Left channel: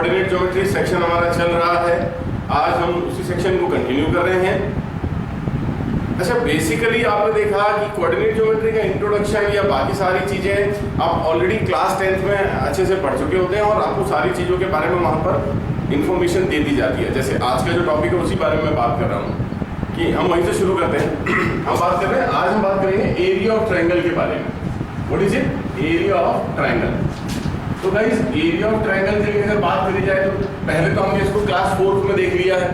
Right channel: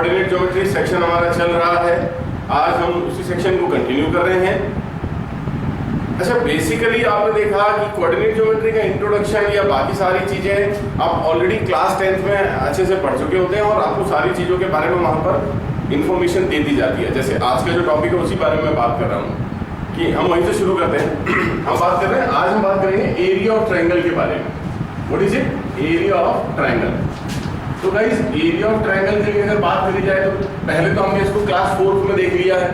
Coordinate geometry section हमारा चल रहा है। आज हम उसी सेक्शन को कंटिन्यू कर रहे हैं। अच्छा, बेसिकली आपने देखा कि कोऑर्डिनेट ज्योमेट्री का इंट्रोडक्शन या बाकी सारी चीज़ें आप ऑलरेडी क्लास 10th में अच्छे से पढ़ चुके होते हैं और आपको सारी चीज़ों के बारे में वहाँ पर इंफॉर्मेशन दे दी जाती है। जैसे आज का जो टॉपिक है उसी बारे में बात कर रहा हूँ कि हम वहीं से शुरू करते हैं। हम बात कर रहे हैं, आज हम बात करेंगे एरिया ऑफ ट्रायंगल के बारे में। What is it? Area of triangle. तो गाइस, एरिया ऑफ ट्रायंगल के लिए अगर बात करी जाए तो पहले तो हमने इसको क्लास 4th में देख लिया है,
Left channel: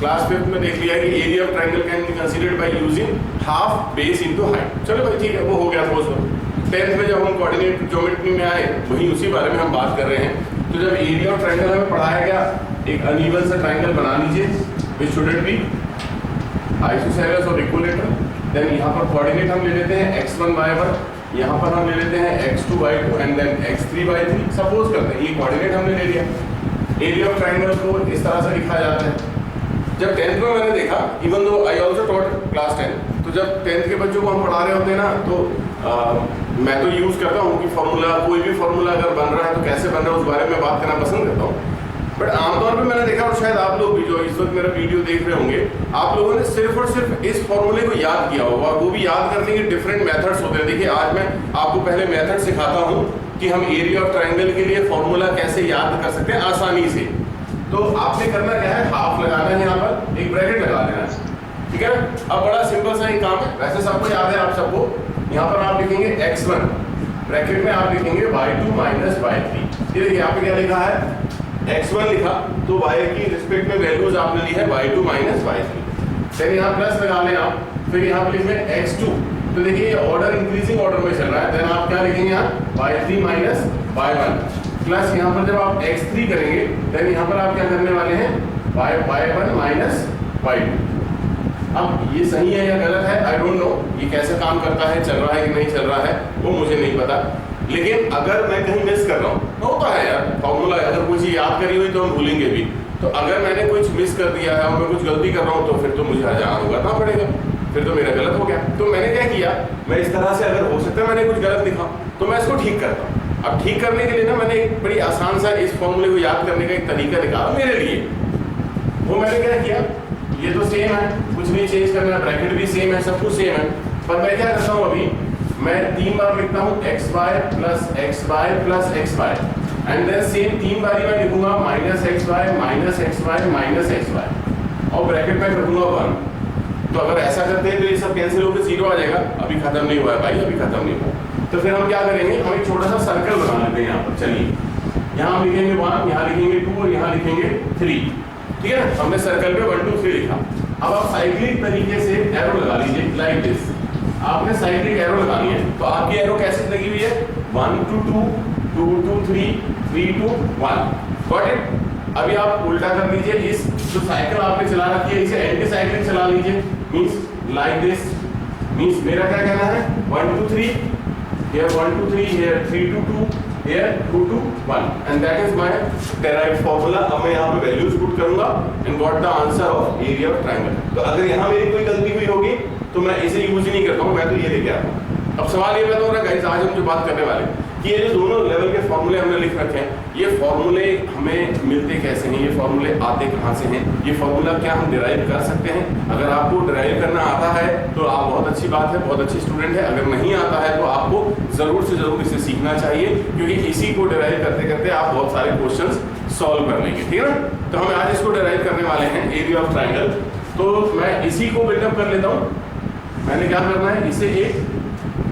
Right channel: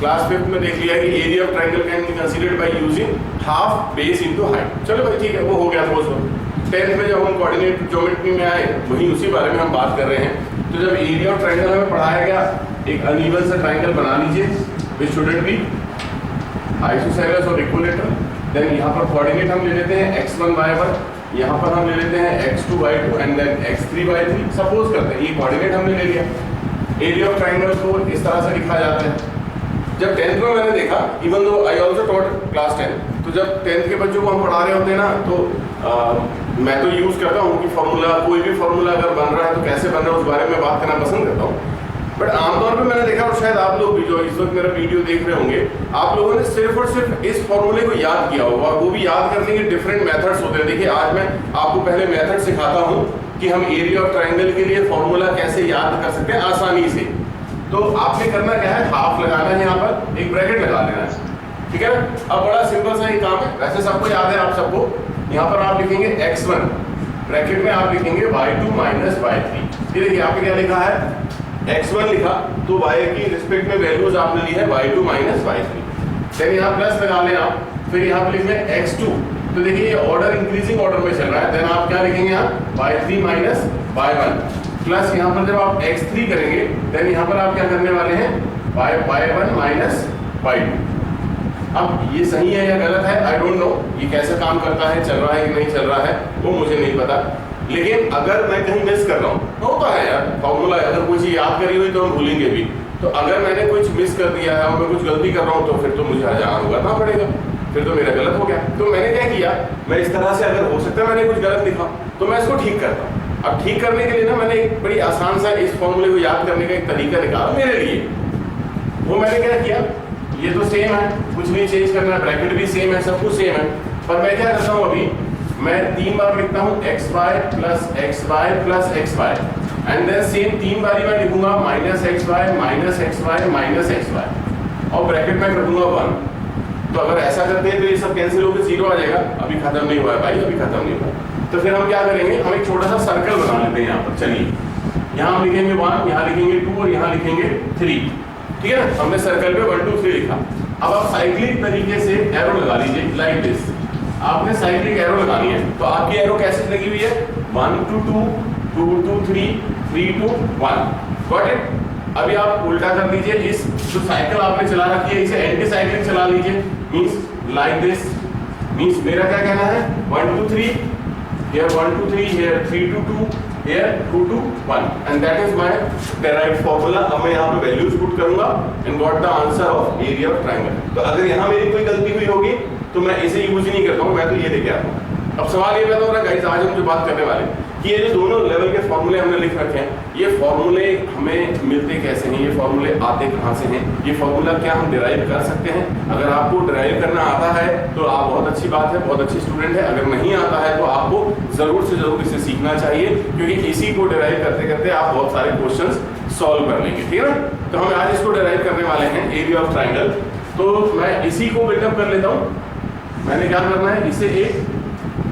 क्लास 5th में देख लिया है कि area of triangle can be considered by using half base into height. चलो भाई ठीक है, वो हो गया था उसको। 10th में जब हम कोऑर्डिनेट ज्योमेट्री में आए वहीं उसी बारे में हम बात कर रहे हैं। तो जब एरिया ऑफ ट्रायंगल हमें पढ़ाया गया, एक अनइवन सा ट्रायंगल बना लीजिए विच शुडंट बी आइसोसेलेस और इक्विलेटरल। देन यहाँ पर कोऑर्डिनेट हम ले लेते हैं x1 y1, यहाँ पर हम ले लेते हैं x2 y2 and then x3 y3। Suppose करते हैं ये कोऑर्डिनेट हमने ले लिया। एरिया ऑफ ट्रायंगल को इस तरह से लिखा जाता है। जब 10th में मैंने देखा, even though I also taught class 10, तो जब 10th के बच्चों को हम पढ़ा रहे होते हैं ना, तो मैं तो यूज़ करता हूँ कि फॉर्मूला, कोई भी फॉर्मूला अगर बन रहा है तो कैसे बन रहा है उस बारे में बात करना पसंद करता हूँ। बट आमतौर पे मैंने देखा, और शायद आप लोग भी जो इस वक्त मेरा वीडियो देख रहे होंगे, आप लोगों ने सिर्फ और सिर्फ इस फॉर्मूले को याद किया होगा। वो भी याद करने के डिफरेंट मेथड्स होते हैं। देखिए, आज मैं आपको पहले मेथड सिखाता हूँ कि हम एरिया ऑफ ट्रायंगल के लिए फॉर्मूला कैसे याद कर सकते हैं आसानी से। तो आपने करना क्या है, हाफ लगाना है, यहाँ पर एक ब्रैकेट लगा लेना है, ठीक है। अब बड़ा सिंपल सा ही काम है, वैसे सबको याद है आप सबको। यहाँ पर आप लिखेंगे x1, ब्रैकेट में आप लिखेंगे y2 माइनस y3। ये देखिए आपने क्या लिखा है, x1 लिखा तो y की रिस्पेक्ट में वैल्यूज आपने ली है y2 माइनस y3। फिर यहाँ प्लस लगा लें आप, फिर यहाँ पर लिखेंगे x2। तो देखिए ये ऑर्डर इंक्रीजिंग ऑर्डर में चल रहा है। देन आप क्या लिखेंगे यहाँ y3 माइनस y1 प्लस यहाँ पर जब आप x3 करेंगे देन यहाँ पर आप क्या करने वाले हैं y1 माइनस y2। अब ये सही है या गलत है आई डोंट नो, ये कैसे काम करता है, चल रहा है कि नहीं चल रहा है वो मुझे नहीं पता। लेकिन अगर मैं कहीं मिस कर रहा हूँ, होता है यार फॉर्मूला, अगर कोई चीज़ याद करी हुई तो हम भूलेंगे भी। तो अगर मैंने कुछ मिस कर दिया है और मैं कुछ गलती कर रहा हूँ तो फिर तो मुझे हजार उगाना पड़ेगा, फिर तो मेरा गलत हो गया। तो मैंने क्या किया, मैं इस तरह से, अगर हो सकता है मैंने कुछ गलत लिखा तो मैं इसको ठीक करता हूँ। अब ठीक करने के लिए ना मैंने एक बड़ी आसान सा इस फॉर्मूले को याद करने का एक तरीका निकाला मेरे लिए। वो मैंने क्या किया, ये तो सेम है, कुछ नहीं चेंज करना, ब्रैकेट भी सेम है, सब कुछ सेम है। पर मैं क्या करता हूँ, अभी मैं 3 बार लिखता हूँ xy plus xy plus xy and then same 3 बारी मैं लिखूंगा minus xy minus xy minus xy और ब्रैकेट में रखूंगा 1। तो अगर ऐसा करते हैं तो ये सब कैंसिल होकर 0 आ जाएगा। अभी खत्म नहीं हुआ है भाई, अभी खत्म नहीं हुआ। तो फिर हम क्या करेंगे, हम एक छोटा सा सर्कल बना लेते हैं यहाँ पर। चलिए, यहाँ हम लिखेंगे 1, यहाँ लिखेंगे 2 और यहाँ लिखेंगे 3, ठीक है ना। हमने सर्कल पे 1 2 3 लिखा। अब आप साइक्लिक तरीके से एरो लगा लीजिए लाइक दिस। आपने साइक्लिक एरो लगानी है, तो आपकी एरो कैसे लगी हुई है, 1 to 2, 2 to 3, 3 to 1। Got it. अभी आप उल्टा कर लीजिए, इस जो साइकिल आपने चला रखी है इसे एंटी साइक्लिक चला लीजिए, मींस लाइक दिस। मींस मेरा क्या कहना है, 1 to 3, here 1 to 3, here 3 to 2, here 2 to 1 and that is my derived formula। अब मैं यहाँ पे वैल्यूज पुट करूंगा and got the answer of area of triangle। तो अगर यहाँ मेरी कोई गलती हुई होगी तो मैं इसे यूज ही नहीं करता हूँ, मैं तो ये लेके आता हूँ। अब सवाल ये पैदा हो रहा है गाइस, आज हम जो बात करने वाले कि ये जो दोनों लेवल के फॉर्मूले हमने लिख रखे हैं, ये फॉर्मूले हमें मिलते कैसे हैं, ये फॉर्मूले आते कहाँ से हैं, ये फॉर्मूला क्या हम डिराइव कर सकते हैं। अगर आपको डिराइव करना आता है तो आप बहुत अच्छी बात है, बहुत अच्छी स्टूडेंट है। अगर नहीं आता है तो आपको जरूर से जरूर इसे सीखना चाहिए, क्योंकि इसी को डिराइव करते करते आप बहुत सारे क्वेश्चंस सॉल्व कर लेंगे, ठीक है ना। तो हम आज इसको डिराइव करने वाले हैं, एरिया ऑफ ट्राइंगल। तो मैं इसी को बिल्डअप कर लेता हूँ। मैंने क्या करना है, इसे एक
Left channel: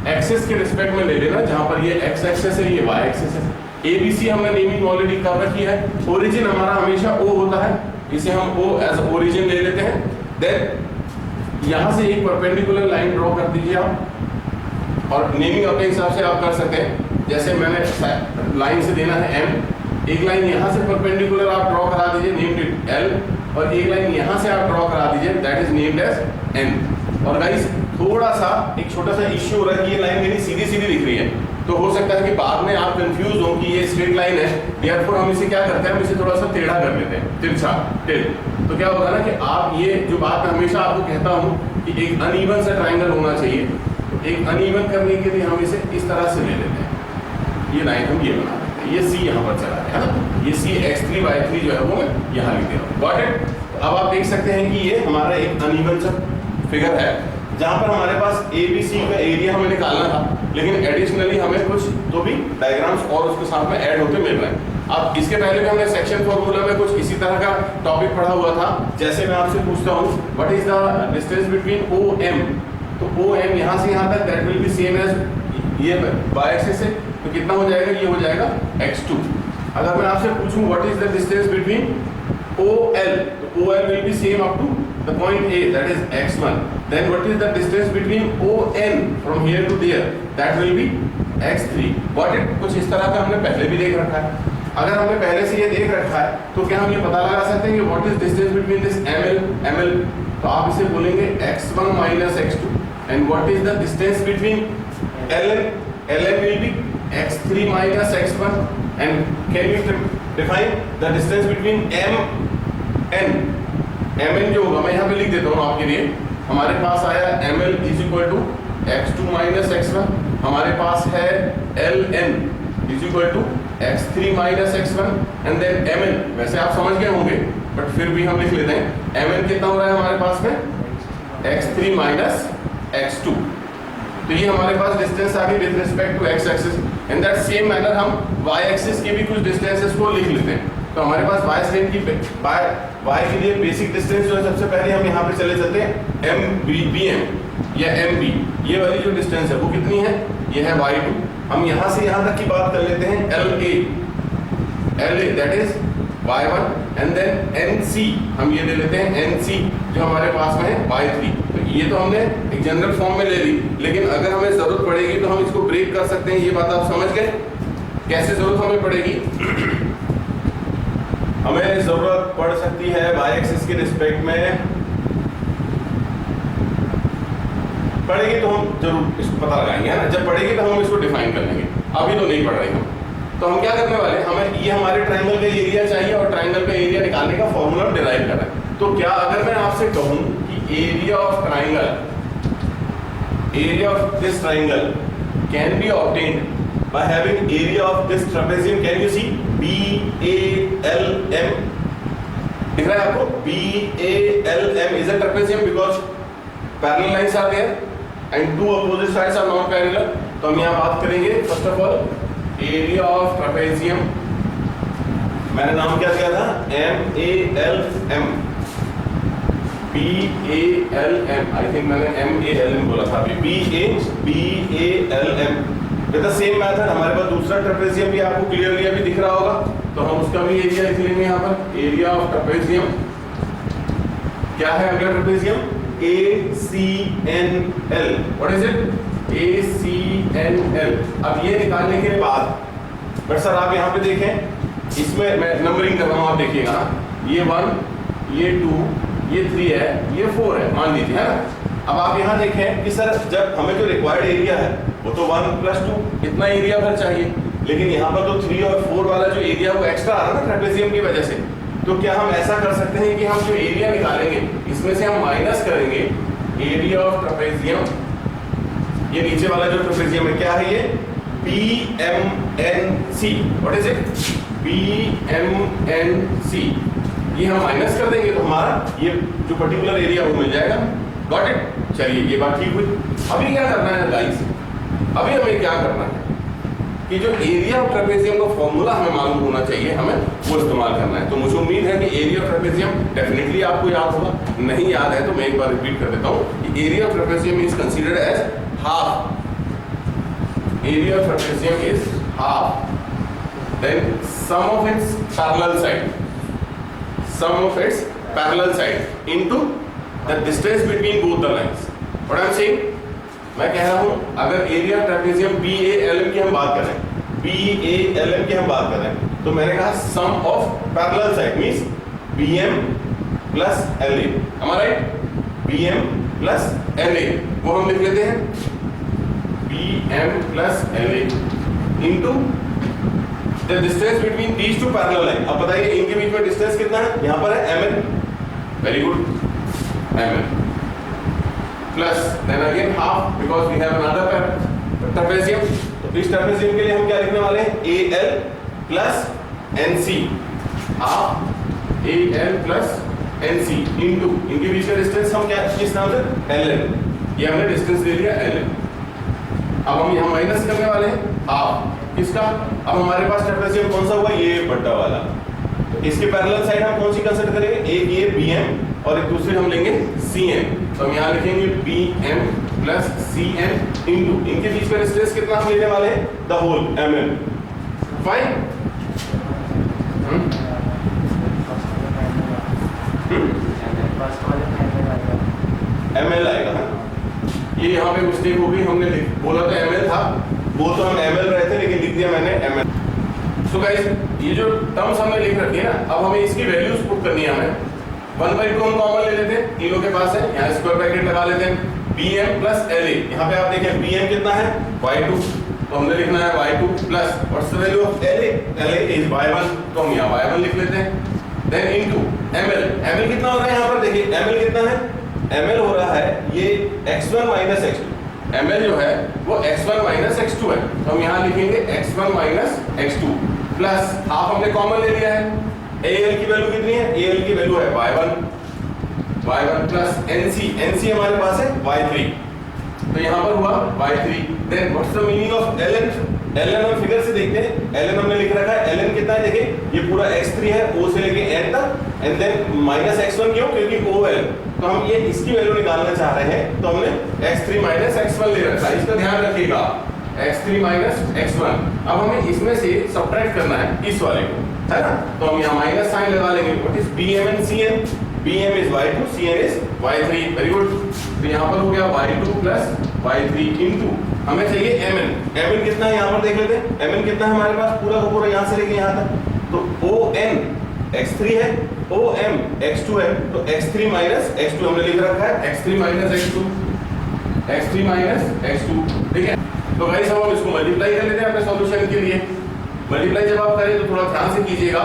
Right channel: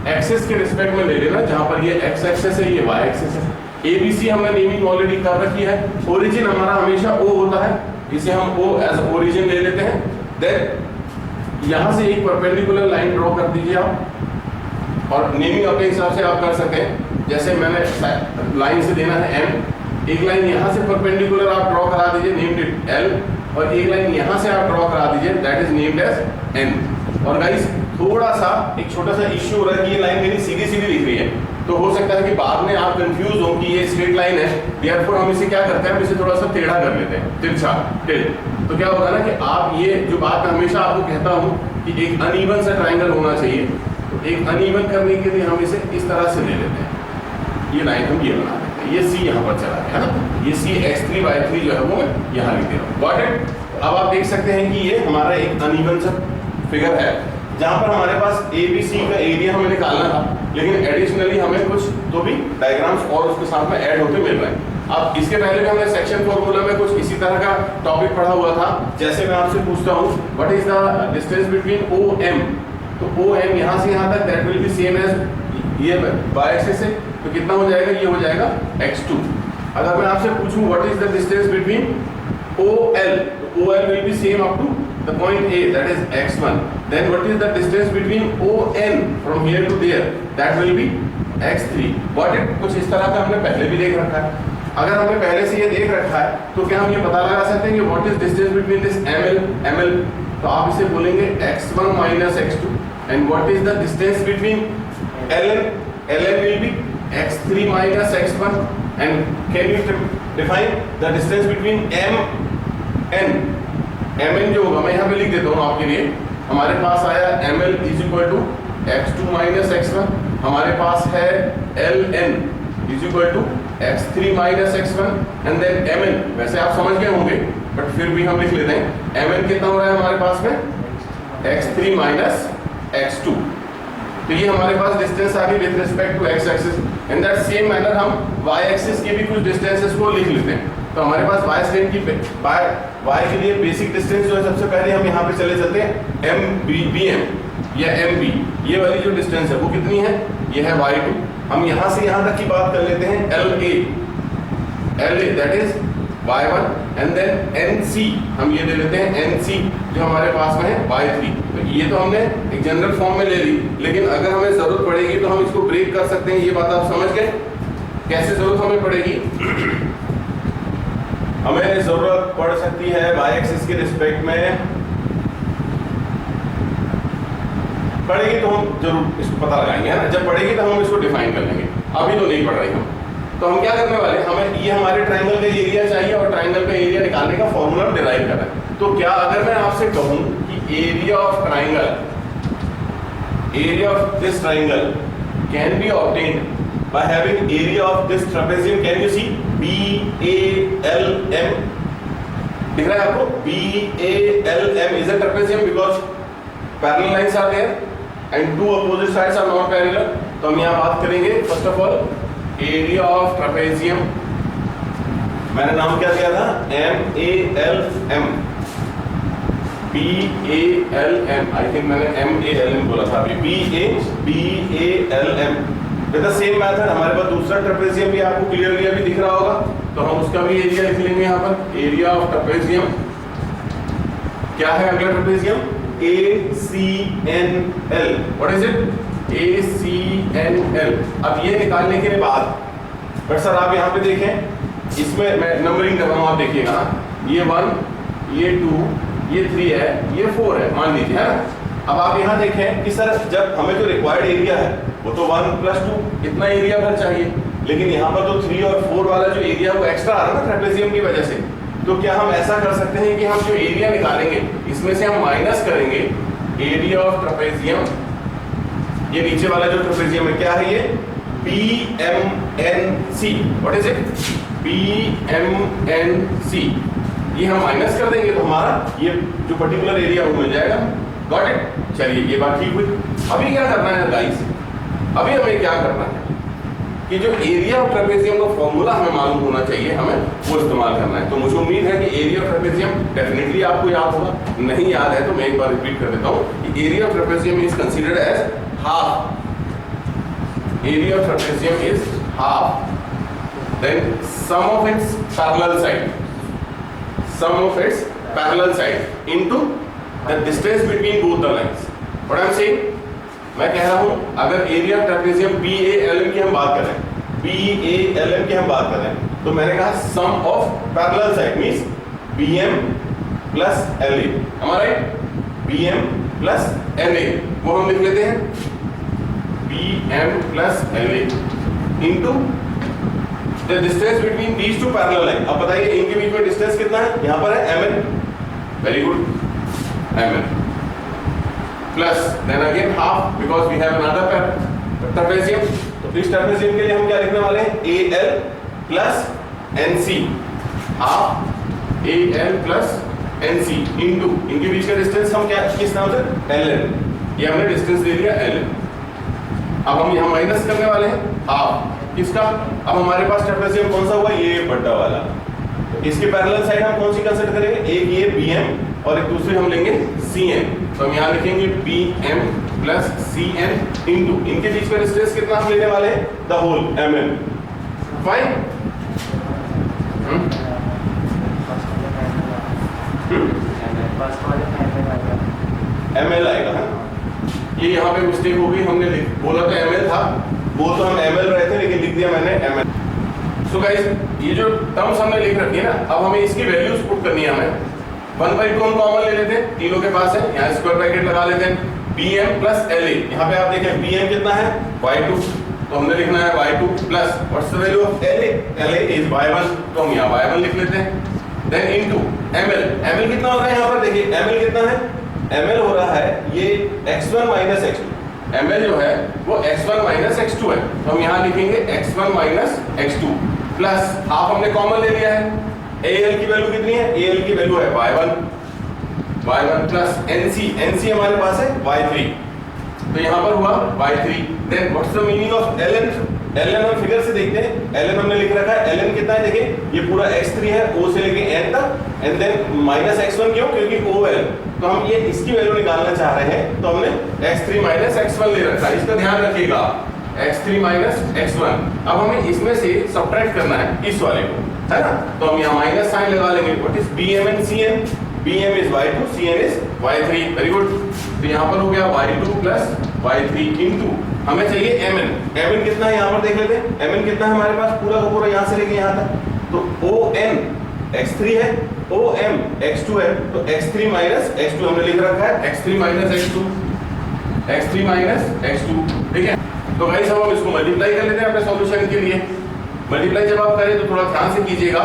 एक्सेस के रिस्पेक्ट में ले लेना, जहां पर ये एक्स एक्सेस है, ये वाई एक्सेस है। एबीसी हमने नेमिंग ऑलरेडी कर रखी है। ओरिजिन हमारा हमेशा ओ होता है, इसे हम ओ एज ओरिजिन ले लेते हैं। देन यहां से एक परपेंडिकुलर लाइन ड्रॉ कर दीजिए आप, और नेमिंग अपने हिसाब से आप कर सकते हैं। जैसे मैंने लाइन से देना है एम, एक लाइन यहां से परपेंडिकुलर आप ड्रॉ करा दीजिए, नेम्ड इट एल, और एक लाइन यहां से आप ड्रॉ करा दीजिए, that is named as N. और गाइस थोड़ा सा एक छोटा सा इश्यू हो रहा है कि ये लाइन मेरी सीधी सीधी दिख रही है, तो हो सकता है कि बाद में आप कंफ्यूज हो कि ये स्ट्रेट लाइन है। देयरफॉर हम इसे क्या करते हैं, हम इसे थोड़ा सा टेढ़ा कर लेते हैं, तिरछा टिल। तो क्या होगा ना कि आप ये जो बात मैं हमेशा आपको कहता हूँ कि एक अनइवन सा ट्राइंगल होना चाहिए, तो एक अनइवन करने के लिए हम इसे इस तरह से ले लेते हैं। ये लाइन हम ये बना लेते हैं, ये c यहाँ पर चला है ना, ये c x3 y3 जो है वो मैं यहाँ लिख दे रहा हूँ। Got it? अब आप देख सकते हैं कि ये हमारा एक अनइवन सा फिगर है जहाँ पर हमारे पास ABC का एरिया हमें निकालना था, लेकिन एडिशनली हमें कुछ तो भी डायग्राम्स और उसके साथ में ऐड होते मिल रहे हैं। अब इसके पहले भी हमने सेक्शन फॉर्मूला में कुछ इसी तरह का टॉपिक पढ़ा हुआ था। जैसे मैं आपसे पूछता हूँ what is the distance between OM, तो OM यहाँ से यहाँ तक that will be same as ये y एक्सिस है, तो कितना हो जाएगा, ये हो जाएगा x2। अगर मैं आपसे पूछूं what is the distance between OL, तो OL will be same up to the point A, that is x1. Then what is the distance between ON from here to there? That will be x3. Got it? कुछ इस तरह का हमने पहले भी देख रखा है। अगर हमने पहले से ये देख रखा है तो क्या हम ये पता लगा सकते हैं कि what is distance between this ML, तो आप इसे बोलेंगे x1 minus x2, and what is the distance between LN will be x3 minus x1, and can you define the distance between MN जो होगा मैं यहाँ पे लिख देता हूँ आपके लिए। हमारे पास आया ML is equal to x2 minus x1, हमारे पास है LN is equal to x3 minus x1, and then MN वैसे आप समझ गए होंगे बट फिर भी हम लिख लेते हैं। MN कितना हो रहा है हमारे पास में x3 माइनस x2, तो ये हमारे पास डिस्टेंस आ गई with respect to x axis. In that same manner हम y एक्सिस के भी कुछ डिस्टेंसेस को लिख लेते हैं। तो हमारे पास y स्ट्रेट की y के लिए बेसिक डिस्टेंस जो है सबसे पहले हम यहाँ पे चले चलते हैं BM या MB, ये वाली जो डिस्टेंस है वो कितनी है, ये है y2। हम यहाँ से यहाँ तक की बात कर लेते हैं LA that is y1, and then NC हम ये ले लेते हैं NC जो हमारे पास में है y3। तो ये तो हमने एक जनरल फॉर्म में ले ली, लेकिन अगर हमें जरूरत पड़ेगी तो हम इसको ब्रेक कर सकते हैं। ये बात आप समझ गए कैसे जरूरत हमें पड़ेगी? हमें जरूरत पड़ सकती है y एक्सिस के रिस्पेक्ट में पड़ेगी तो हम जरूर इसको पता लगाएंगे, है ना। जब पड़ेगी तो हम इसको डिफाइन कर लेंगे, अभी तो नहीं पढ़ रहे हम। तो हम क्या करने वाले, हमें ये हमारे ट्रायंगल का एरिया चाहिए और ट्रायंगल का एरिया निकालने का फॉर्मूला डिराइव करना है। तो क्या अगर मैं आपसे कहूं कि area of triangle, area of this triangle can be obtained by having area of this trapezium, can you see BALM दिख रहा है आपको? BALM is a trapezium because parallel lines are there and two opposite sides are not parallel। तो हम यहाँ बात करेंगे first of all area of trapezium, मैंने नाम क्या दिया था MALM, BALM, आई थिंक मैंने MALM बोला था अभी, BALM। With the same method हमारे पास दूसरा ट्रापेजियम भी आपको क्लियरली अभी दिख रहा होगा, तो हम उसका भी एरिया लिख लेंगे यहाँ पर। एरिया ऑफ ट्रापेजियम क्या है अगला trapezium? ACNL। What is it? ACNL। अब ये निकालने के बाद बट सर आप यहाँ पे देखें, इसमें मैं नंबरिंग कर रहा हूँ, आप देखिएगा ना, ये 1, ये 2, ये 3 है, ये 4 है मान लीजिए, है ना। अब आप यहाँ देखें कि सर जब हमें जो रिक्वायर्ड एरिया है वो तो 1 + 2 इतना एरिया भर चाहिए, लेकिन यहाँ पर तो 3 और 4 वाला जो एरिया वो एक्स्ट्रा आ रहा है ना ट्रापेजियम की वजह से। तो क्या हम ऐसा कर सकते हैं कि हम जो एरिया निकालेंगे इसमें से हम माइनस करेंगे एरिया ऑफ ट्रापेजियम, ये नीचे वाला जो ट्रापेजियम है क्या है ये BMNC। What is it? BMNC। ये हम माइनस कर देंगे तो हमारा ये जो पर्टिकुलर एरिया वो मिल जाएगा। Got it? चलिए ये बात ठीक हुई। अभी क्या करना है गाइस, अभी हमें क्या करना है कि जो एरिया ऑफ ट्रापेजियम का फॉर्मूला हमें मालूम होना चाहिए, हमें वो इस्तेमाल करना है। तो मुझे उम्मीद है कि एरिया ऑफ ट्रापेजियम डेफिनेटली आपको याद होगा, नहीं याद है तो मैं एक बार रिपीट कर देता हूँ कि area of trapezium is considered as half, area of trapezium is half, then sum of its parallel side, sum of its parallel side into the distance between both the lines. What I am saying, मैं कह रहा हूं अगर area of trapezium BALM की हम बात करें, BALM की हम बात करें, तो मैंने कहा sum of parallel side means BM plus LA, हमारा BM प्लस LA वो हम लिख लेते हैं BM plus LA into the distance between these two parallel line. अब बताइए इनके बीच में डिस्टेंस कितना है? यहाँ पर है MN, very good, MN plus then again half because we have another trapezium. तो इस ट्रापेजियम के लिए हम क्या लिखने वाले हैं? AL plus NC, half AL plus NC into इनके बीच का डिस्टेंस हम क्या किस नाम से LN, ये हमने डिस्टेंस ले लिया LN। अब हम यहाँ माइनस करने वाले हैं हाफ किसका, अब हमारे पास ट्रेपेजियम कौन सा हुआ, ये बट्टा वाला। तो इसके पैरेलल साइड हम कौन सी कंसीडर करेंगे, एक ये BM और एक दूसरी हम लेंगे CN। तो हम यहाँ लिखेंगे BM प्लस CN इंटू इनके बीच का डिस्टेंस कितना हम लेने वाले हैं, the whole MM। Fine, ML आएगा है। ये यहाँ पे मिस्टेक हो गई, हमने बोला था ML था, वो तो हम ML रहे थे लेकिन लिख दिया मैंने ML। सो गाइस ये जो टर्म्स हमने लिख रखी है ना, अब हमें इसकी वैल्यूज पुट करनी है हमें। 1/2 हम कॉमन ले लेते हैं, तीनों के पास है, यहाँ स्क्वायर ब्रैकेट लगा लेते हैं। BM प्लस LA, यहाँ पे आप देखें BM कितना है y2, तो हमने लिखना है y2 plus what's the value of LA, LA is y1, तो हम यहाँ y1 लिख लेते हैं। देन इनटू ML, ML कितना हो रहा है यहाँ पर देखिए, ML कितना है, ML हो रहा है ये x1 माइनस x2, ML जो है वो x1 माइनस x2 है, तो हम यहाँ लिखेंगे x1 minus x2 plus half हमने कॉमन ले लिया है। AL की वैल्यू कितनी है, AL की वैल्यू है y1 प्लस NC हमारे पास है y3, तो यहाँ पर हुआ y3। Then what's the meaning of LN, LN हम फिगर से देखते हैं, LN हमने लिख रखा है, LN कितना है देखिए, ये पूरा x3 है O से लेके N तक, एंड देन माइनस x1 क्यों, क्योंकि OL, तो हम ये इसकी वैल्यू निकालना चाह रहे हैं, तो हमने x3 माइनस x1 ले रखा है, इसका ध्यान रखिएगा, x3 माइनस x1। अब हमें इसमें से सब्ट्रैक्ट करना है इस वाले को, है ना, तो हम यहाँ माइनस साइन लगा लेंगे। What is BM and CN, BM is y2, CN is y3, very good. तो यहाँ पर हो गया y2 प्लस y3 इंटू हमें चाहिए MN कितना है यहाँ पर देख लेते हैं, MN कितना है हमारे पास, पूरा का पूरा यहाँ से लेके यहाँ तक, तो ON x3 है, OM x2 है, तो x3 माइनस x2 हमने लिख रखा है, x3 minus x2, x3 minus x2, ठीक है। तो गाइस अब हम इसको मल्टीप्लाई कर लेते हैं अपने सॉल्यूशन के लिए। मल्टीप्लाई जब आप करें तो थोड़ा ध्यान से कीजिएगा,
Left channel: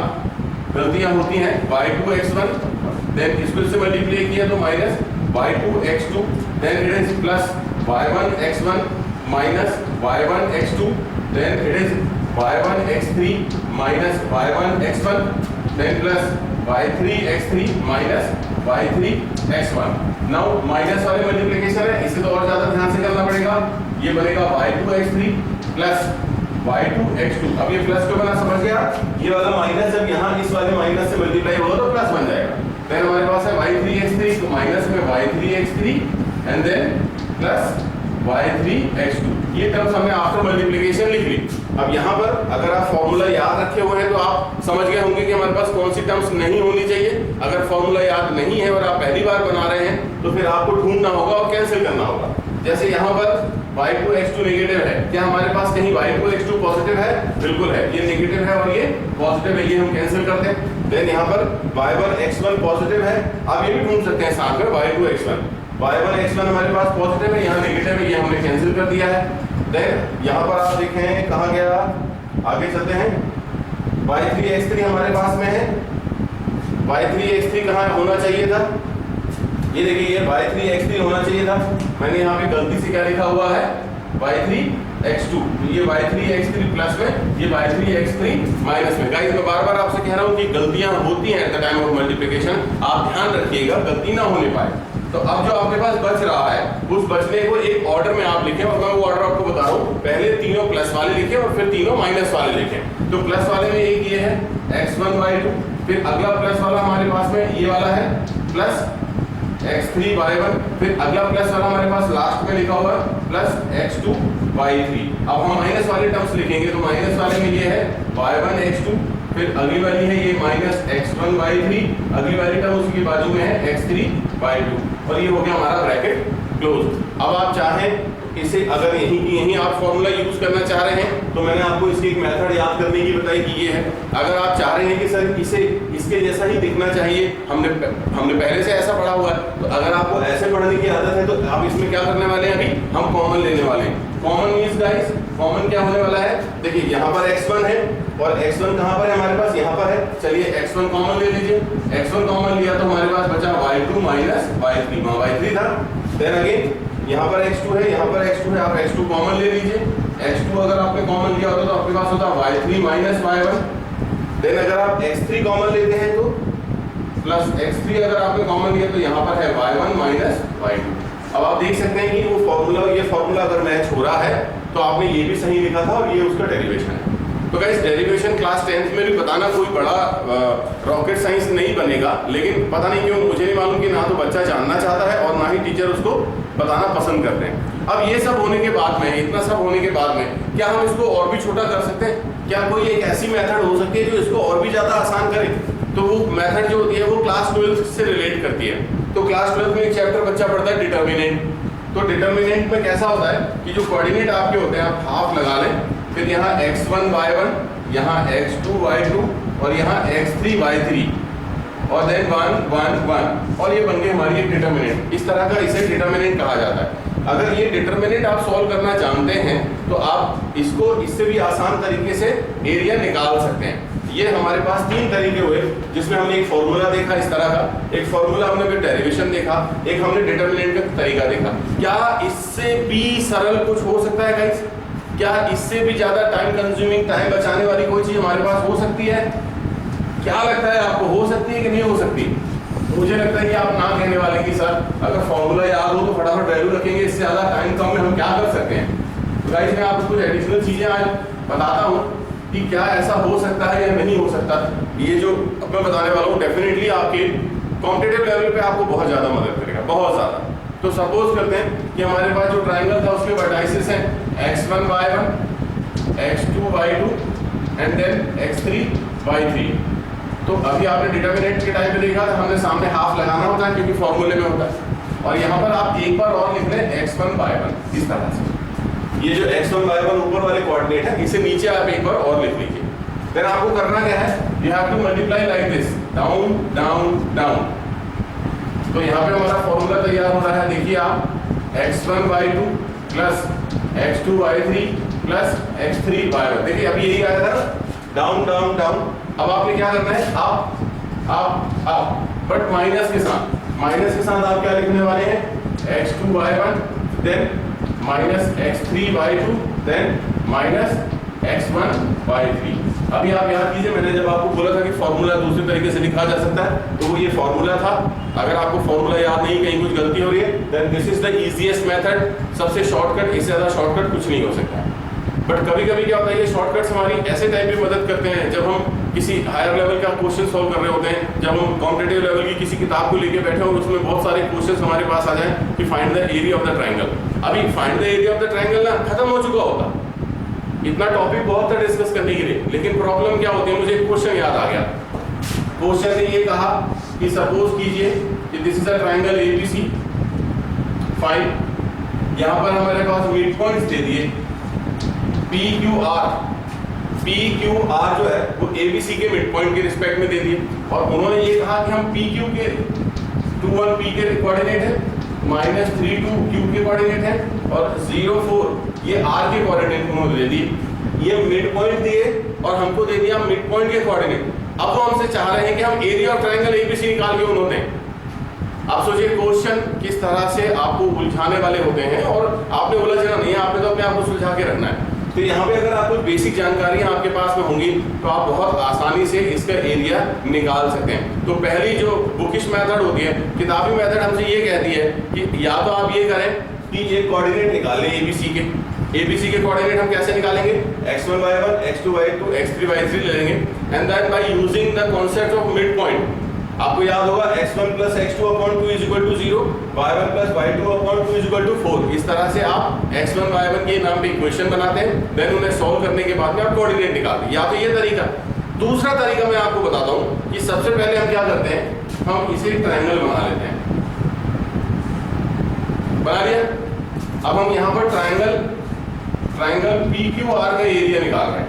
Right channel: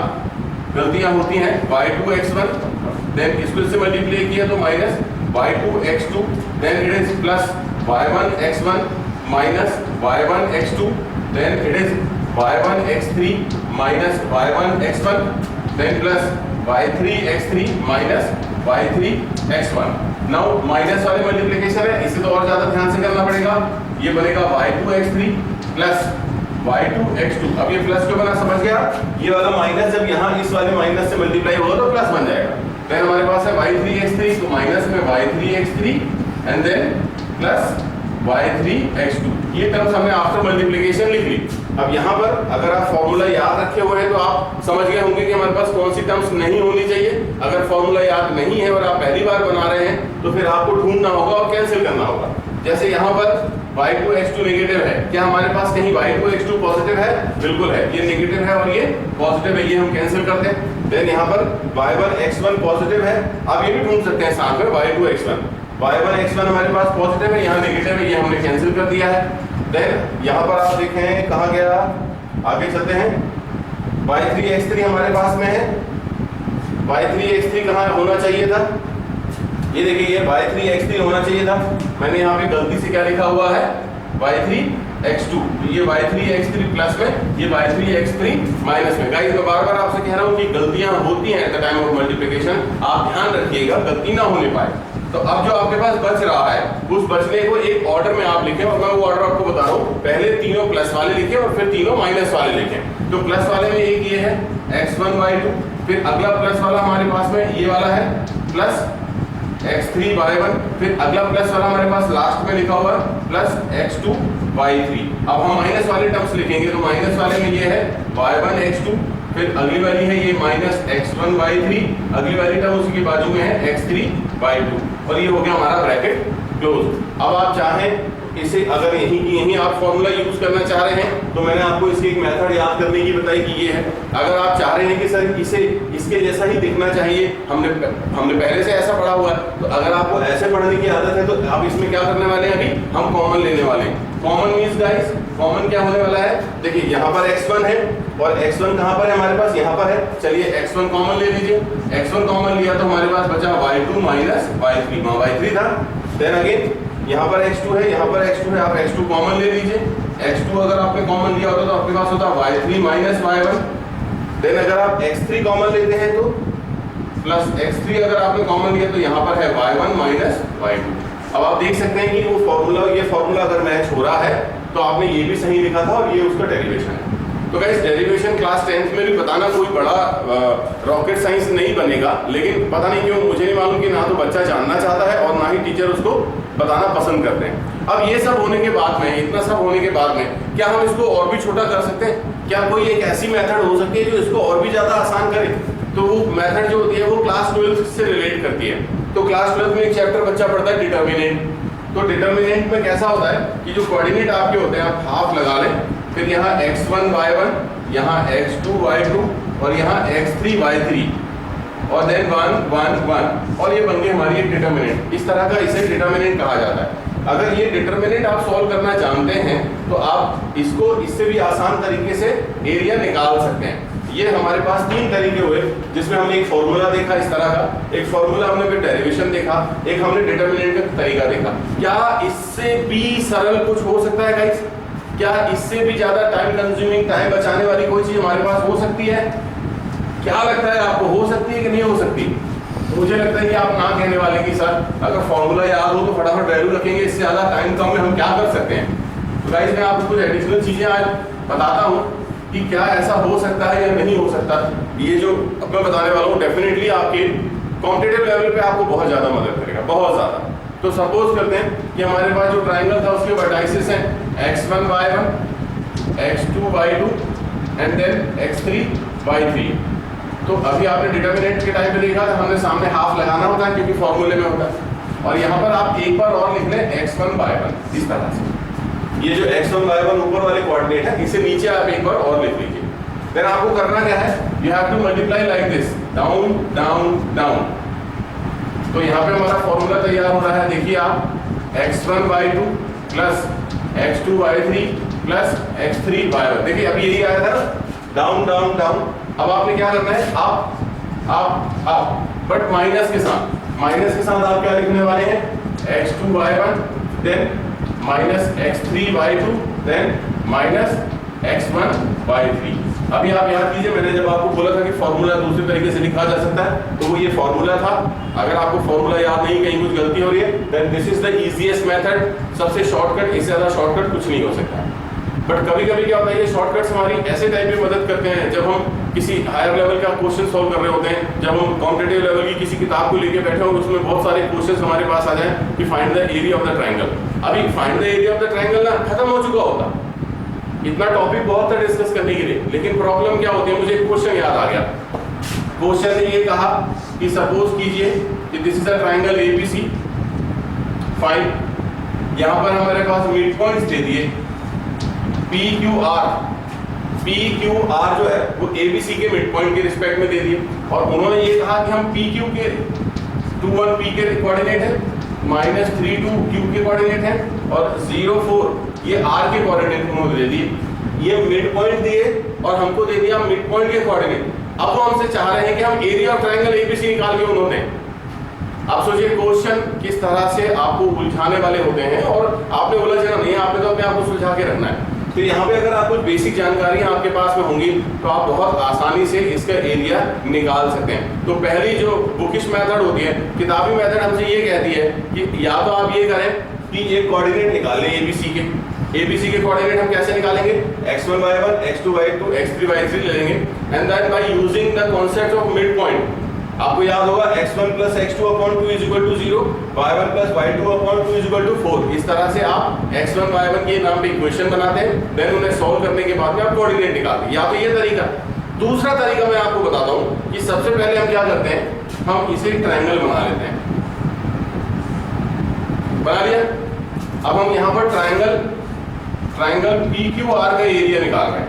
गलतियां होती हैं। y2 x1, देन इसको इससे मल्टीप्लाई किया तो minus y2 x2, then it is plus y1 x1 minus y1 x2, then it is y1 x3 minus y1 x1, then plus y3 x3 minus y3 x1। Now minus वाले multiplication है, इसे तो और ज्यादा ध्यान से करना पड़ेगा। ये बनेगा y2 x3 plus y2 x2। अब ये प्लस क्यों बना समझ गया, ये वाला माइनस जब यहाँ इस वाले माइनस से मल्टीप्लाई होगा तो प्लस बन जाएगा। देन हमारे पास है y3 x3, तो माइनस में y3 x3 and then plus y3 x2। ये टर्म्स हमने आफ्टर मल्टीप्लिकेशन लिख ली। अब यहाँ पर अगर आप फॉर्मूला याद रखे हुए हैं तो आप समझ गए होंगे कि हमारे पास कौन सी टर्म्स नहीं होनी चाहिए। अगर फॉर्मूला याद नहीं है और आप पहली बार बना रहे हैं तो फिर आपको ढूंढना होगा और कैंसिल करना होगा। जैसे यहाँ पर y2 x2 नेगेटिव है, क्या हमारे पास कहीं y2 x2 पॉजिटिव है, बिल्कुल है, ये नेगेटिव है और ये पॉजिटिव है, ये हम कैंसिल करते हैं। देन यहाँ पर y1 x1 पॉजिटिव है, आप ये भी ढूंढ सकते हैं साथ में y2 x1 हमारे पास पॉजिटिव है, यहाँ नेगेटिव है, ये हमने कैंसिल कर दिया है। देन यहाँ पर आप देखें कहाँ गया, आगे चलते हैं, y3 x3 हमारे पास में है, y3 x3 कहाँ होना चाहिए था, ये देखिए ये y3 x3 होना चाहिए था, मैंने यहाँ पे गलती से क्या लिखा हुआ है y3 x2, ये y3 x3 प्लस में, ये y3 x3 माइनस में। गाइस मैं बार बार आपसे कह रहा हूँ कि गलतियां होती हैं at the time of multiplication, आप ध्यान रखिएगा गलती ना होने पाए। तो अब जो आपके पास बच रहा है उस बचने को एक ऑर्डर में आप लिखें, और मैं वो ऑर्डर आपको बता रहा हूँ, पहले तीनों प्लस वाले लिखें और फिर तीनों माइनस वाले लिखें। तो प्लस वाले में एक ये है x1 y2, फिर अगला प्लस वाला हमारे पास में ये वाला है प्लस x3 y1, फिर अगला प्लस वाला हमारे पास लास्ट में लिखा हुआ है प्लस x2 y3। अब हम माइनस वाले टर्म्स लिखेंगे, तो माइनस वाले में ये है y1 x2, फिर अगली वाली है ये माइनस x1 y3, अगली वाली टर्म उसके बाजू में है x3 y2, और ये हो गया हमारा ब्रैकेट क्लोज। अब आप चाहें इसे अगर यहीं की यहीं आप फॉर्मूला यूज करना चाह रहे हैं तो मैंने आपको इसकी एक मेथड याद करने की बताई कि ये है। अगर आप चाह रहे हैं कि सर इसे इसके जैसा ही दिखना चाहिए, हमने पहले से ऐसा पढ़ा हुआ है, तो अगर आपको ऐसे पढ़ने की आदत है तो आप इसमें क्या करने वाले हैं, अभी हम कॉमन लेने वाले हैं। कॉमन मीन्स गाइस, कॉमन क्या होने वाला है, देखिए यहाँ पर x1 है और x1 कहाँ पर है हमारे पास, यहाँ पर है। चलिए x1 कॉमन ले लीजिए, x1 कॉमन लिया तो हमारे पास बचा y2 माइनस y3, वहाँ y3 था। देन अगेन यहाँ पर x2 है, यहाँ पर x2 है, आप x2 कॉमन ले लीजिए। x2 अगर आपने कॉमन लिया होता तो आपके पास होता y3 माइनस y1। देन अगर आप x3 कॉमन लेते हैं तो प्लस x3 अगर आपने कॉमन लिया तो यहाँ पर है y1 माइनस y2। अब आप देख सकते हैं कि वो फॉर्मूला, ये फॉर्मूला अगर मैच हो रहा है तो आपने ये भी सही लिखा था और ये उसका डेरिवेशन है। तो गाइस डेरिवेशन क्लास 10th में भी बताना कोई बड़ा रॉकेट साइंस नहीं बनेगा, लेकिन पता नहीं क्यों मुझे नहीं मालूम कि ना तो बच्चा जानना चाहता है और ना ही टीचर उसको बताना पसंद करते हैं। अब ये सब होने के बाद में, इतना सब होने के बाद में क्या हम इसको और भी छोटा कर सकते हैं? क्या कोई एक ऐसी मेथड हो सकती है जो इसको और भी ज़्यादा आसान करे? तो वो मेथड जो होती है वो क्लास 12 से रिलेट करती है। तो क्लास 12 में एक चैप्टर बच्चा पढ़ता है डिटर्मिनेंट। तो डिटर्मिनेंट में कैसा होता है कि जो कोऑर्डिनेट आपके होते हैं आप हाफ लगा लें, फिर यहाँ x1 y1, यहाँ x2 y2 और यहाँ x3 y3 और देन 1 1 1 और ये बन गई हमारी एक डिटर्मिनेंट। इस तरह का इसे डिटर्मिनेंट कहा जाता है। अगर ये डिटर्मिनेंट आप सॉल्व करना जानते हैं तो आप इसको इससे भी आसान तरीके से एरिया निकाल सकते हैं। ये हमारे पास तीन तरीके हुए, जिसमें हमने एक फॉर्मूला देखा इस तरह का, एक फॉर्मूला हमने फिर डेरिवेशन देखा, एक हमने डिटर्मिनेंट का तरीका देखा। क्या इससे भी सरल कुछ हो सकता है गाइस? क्या इससे भी ज्यादा टाइम कंज्यूमिंग, टाइम बचाने वाली कोई चीज हमारे पास हो सकती है? क्या लगता है आपको, हो सकती है कि नहीं हो सकती? मुझे लगता है कि आप ना कहने वाले कि सर अगर फॉर्मूला याद हो तो फटाफट वैल्यू रखेंगे, इससे ज्यादा टाइम कम में हम क्या कर सकते हैं। तो गाइस मैं आपको कुछ एडिशनल चीजें आज बताता हूँ कि क्या ऐसा हो सकता है या नहीं हो सकता। ये जो अब मैं बताने वाला हूँ डेफिनेटली आपके कॉम्पिटिटिव लेवल पे आपको बहुत ज़्यादा मदद करेगा, बहुत ज़्यादा। तो सपोज करते हैं कि हमारे पास जो ट्राइंगल था उसके वर्टाइसेस हैं x1 y1, x2 y2 and then x3 y3। तो अभी आपने डिटर्मिनेंट के टाइम पे देखा था, हमने सामने हाफ लगाना होता है क्योंकि फॉर्मूले में होता है। और यहाँ पर आप एक बार और लिख लें x1 y1 इस तरह से। ये जो x1 y1 ऊपर वाले कोऑर्डिनेट है, इसे नीचे आप एक बार और लिख लीजिए। देन आपको करना क्या है, you have to multiply like this, down down down. तो यहाँ पे हमारा फॉर्मूला तैयार हो रहा है, देखिए आप x1 y2 plus x2 y3 plus x3 y1। देखिए अभी यही आया था ना, डाउन डाउन डाउन। अब आपने क्या करना है, आप बट माइनस के साथ आप क्या लिखने वाले हैं, x2 y1 then minus x3 y2 then minus x1 y3। अभी आप याद कीजिए, मैंने जब आपको बोला था कि फॉर्मूला दूसरे तरीके से लिखा जा सकता है, तो वो ये फॉर्मूला था। अगर आपको फॉर्मूला याद नहीं, कहीं कुछ गलती हो रही है, then this is the easiest method, सबसे शॉर्टकट। इससे ज़्यादा शॉर्टकट कुछ नहीं हो सकता। बट कभी कभी क्या होता है, ये शॉर्टकट्स हमारी ऐसे टाइप में मदद करते हैं जब हम किसी हायर लेवल का क्वेश्चन सॉल्व कर रहे होते हैं, जब हम कॉम्पिटिटिव लेवल की किसी किताब को लेके बैठे हो, उसमें बहुत सारे क्वेश्चंस हमारे पास आ जाएं कि find the area of the triangle. अभी find the area of the triangle ना खत्म हो चुका होता, इतना टॉपिक बहुत था डिस्कस करने के लिए। लेकिन प्रॉब्लम क्या होती है, मुझे एक क्वेश्चन याद आ गया। क्वेश्चन ने ये कहा कि सपोज कीजिए कि this is a triangle ABC, fine. यहाँ पर हमारे पास मिड पॉइंट्स दे दिए PQR जो है वो ABC के मिड पॉइंट के रिस्पेक्ट में दे दिए, और उन्होंने ये कहा कि हम PQ के 21 P के कोऑर्डिनेट है, -32 Q के कोऑर्डिनेट है, और 04 ये R के कोऑर्डिनेट उन्होंने दे दिए। ये मिड पॉइंट दिए और हमको दे दिया मिड पॉइंट के कोऑर्डिनेट। अब वो हमसे चाह रहे हैं कि हम एरिया ऑफ ट्रायंगल ABC निकाल के उन्होंने। आप सोचिए क्वेश्चन किस तरह से आपको उलझाने वाले होते हैं, और आपने उलझना नहीं है, आपने तो अपने आप को सुलझा के रखना है। तो यहाँ पे अगर आप कुछ बेसिक जानकारियाँ आपके पास में होंगी तो आप बहुत आसानी से इसका एरिया निकाल सकते हैं। तो पहली जो बुकिश मेथड होती है, किताबी मेथड हमसे ये कहती है कि या तो आप ये करें कि ये कोऑर्डिनेट निकाल लें ABC के कोऑर्डिनेट हम कैसे निकालेंगे, x1 y1 x2 y2 x3 y3 ले लेंगे, and then by using the concept of mid point. आपको याद होगा x1 plus x2 upon 2 is equal to 0, y1 plus y2 upon 2 is equal to 4। इस तरह से आप x1 y1 के नाम पे इक्वेशन बनाते हैं, देन उन्हें सॉल्व करने के बाद में आप कोऑर्डिनेट निकालते हैं। या तो ये तरीका। दूसरा तरीका मैं आपको बताता हूँ कि सबसे पहले हम क्या करते हैं, हम इसे ट्रायंगल बना लेते हैं। बना लिया। अब हम यहाँ पर ट्रायंगल PQR का एरिया निकाल रहे हैं।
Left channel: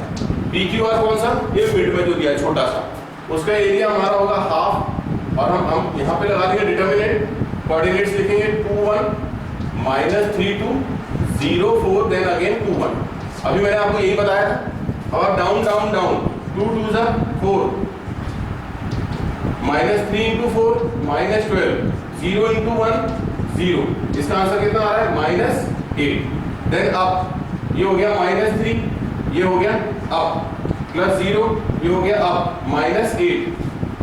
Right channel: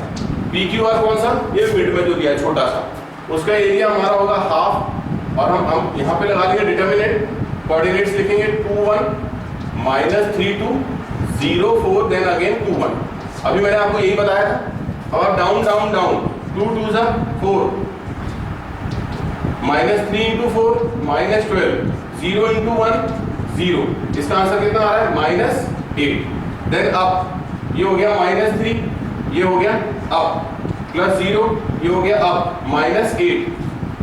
PQR कौन सा, ये मिड में जो दिया है छोटा सा, उसका एरिया हमारा होगा हाफ, और हम यहाँ पे लगा देंगे डिटर्मिनेंट, कोऑर्डिनेट्स लिखेंगे 2 1 -32 0 4 देन अगेन 2 1। अभी मैंने आपको यही बताया था। अब आप डाउन डाउन डाउन, 2 2 जा 4, -3 × 4 -12, 0 × 1 0, इसका आंसर कितना आ रहा है -8। देन अप ये हो गया -3, ये हो गया अप +0, ये हो गया अप -8।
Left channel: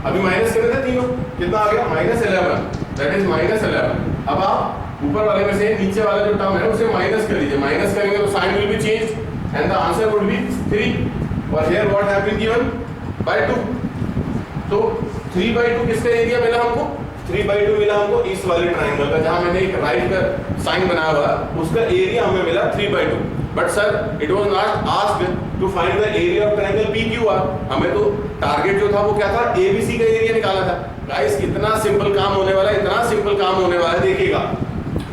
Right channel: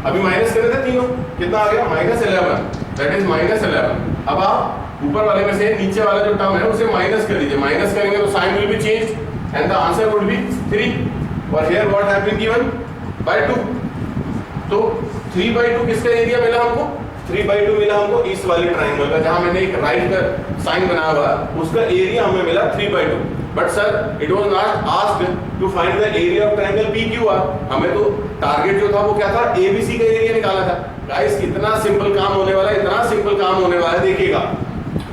अभी माइनस कर रहे थे तीनों, कितना आ गया -11, दैट इज -11। अब आप ऊपर वाले में से नीचे वाला जो टर्म है उसे माइनस कर लीजिए, माइनस करेंगे तो sign will be changed and the answer would be 3 और here what have been given by 2। तो 3/2 किसका एरिया मिला हमको? 3/2 मिला हमको इस वाले ट्रायंगल का, जहां मैंने एक राइट का साइन बनाया हुआ उसका एरिया हमें मिला 3/2। But sir it was not asked to find the area of triangle PQR, हमें तो टारगेट जो था वो क्या था, ABC का एरिया निकाला था। गाइस कितना सिंपल काम होने वाला है, इतना सिंपल काम होने वाला है, देखिएगा